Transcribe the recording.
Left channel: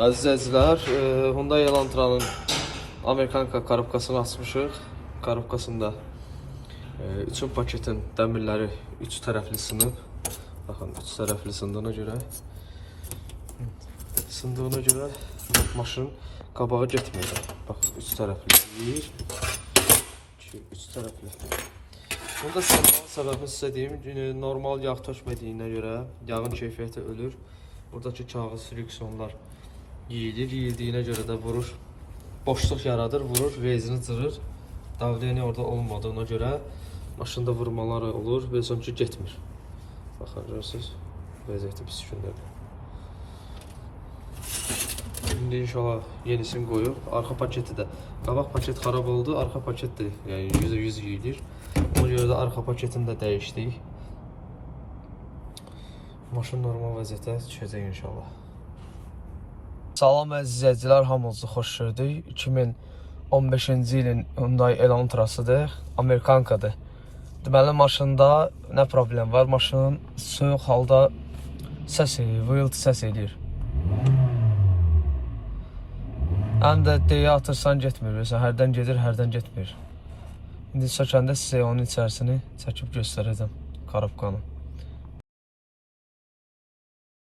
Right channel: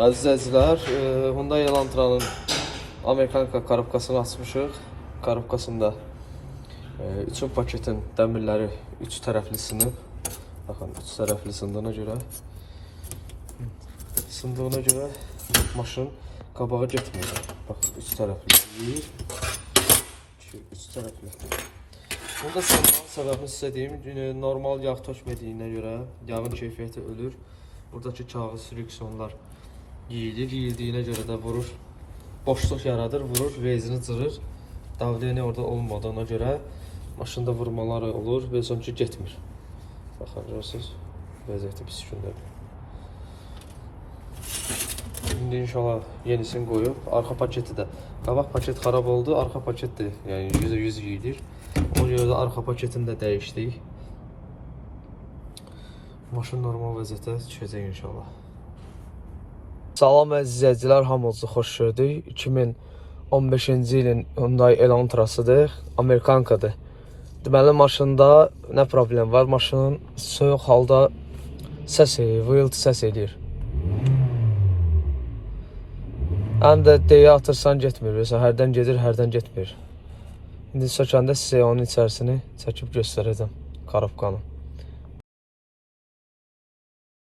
Əziz izləyicilər, Hyundai Elantranın Amerikanka korobkasını açmışıq. Korobkasında üçün paketin dəmirləri üç tərəfli sınıb. Baxın, üç tərəfli sındığına görə maşın qabağa getmir. Baxın, üç tərəfli deyil. Üç tərəfli. Bunda səbəbini sizə deyim, normal yağ tökmədiyinə görə yağın keyfiyyəti ölür. Buradakı kağız friksiyonlar yiyildiyinə görə də vurur, boşluq yaradır, vurur, rezini cırır. Davleni orada olmadığına görə maşında vurmalar olur və sonucu getmir. Baxın, görürsünüz, vəziyyəti pis gündədir. İndi inşallah yenisini qoyub, arxa paketi də, qabaq paket xarab oldu, arxa paket də yəni %100 yiyilir. O görə də arxa paketini də dəyişdik. Maşın normal vəziyyətə düşəcək inşallah. Salam əziz izləyicilər, hamınızı xoş gördük. 2015-ci ilin Hyundai Elantrasıdır, Amerikankadır. Deməli, maşında nə problem var? Maşının soyuq halda vıyıltı səs edir. Həm də deyə atırsan getmir, hərdən gedir, hərdən getmir. İndi sökəndə sizə onun içərisini çəkib göstərəcəm, korobkanı.